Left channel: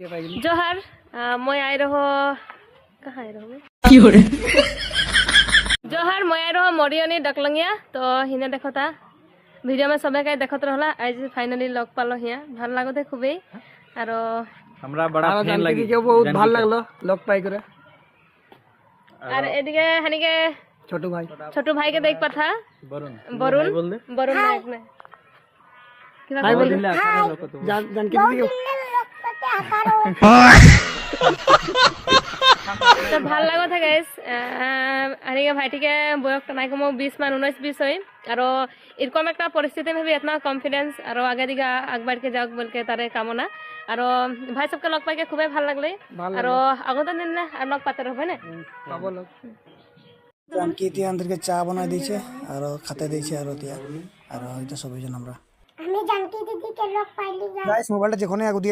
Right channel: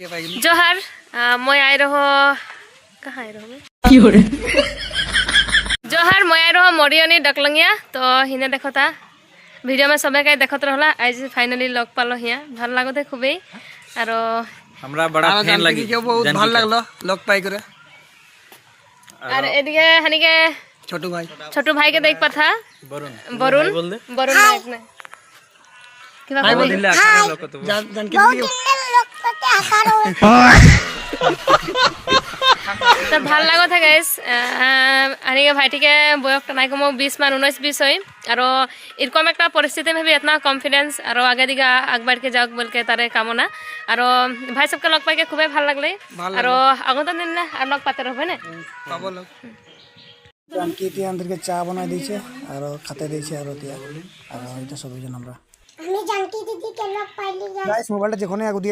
जोहार मैं आई रहो कहाँ आई रहो मैं जोहार मैं आई रहो मरियनी डकलंगिया तो हिने देखो था भिडिओ में सबे कई देखत रहला आज फाइनली लग पालो हिया ভাল लागते खूबे और हमरा बड़ा फैन लगी के बहुत ভাল लागलो लग पाई करे और एदिके हनिके छोटू भाई के देख पथा वरुण वरुण वरुण नायक ने हाय बोल दिल्ली आकर लोग तो जान के तो ভাল लागत है गाइस हनिके भाईटी के बयस नाई कम 20 मान 19-20 হয় और এরকম একটা परिस्थिति में भी इतना कॉन्फिडेंस और आगे दिगा आग बढ़ के जाओ बोल के तारे कामना और भाई सबके लग पाई के खूबे ভাল लागले और আগত দিন না আর লগ পাতে रहबे ने পাবো লোক জানকি তিয়া আমাদেরকে চা বানাই দিয়েছে আর খেতে দিয়েছে আর তিয়া আর হয়তো সবাই জন আমরা আমি জানকি দিদি কে লগ পাইলি গাইস মোবাইলটা যখনই আগু দিয়ে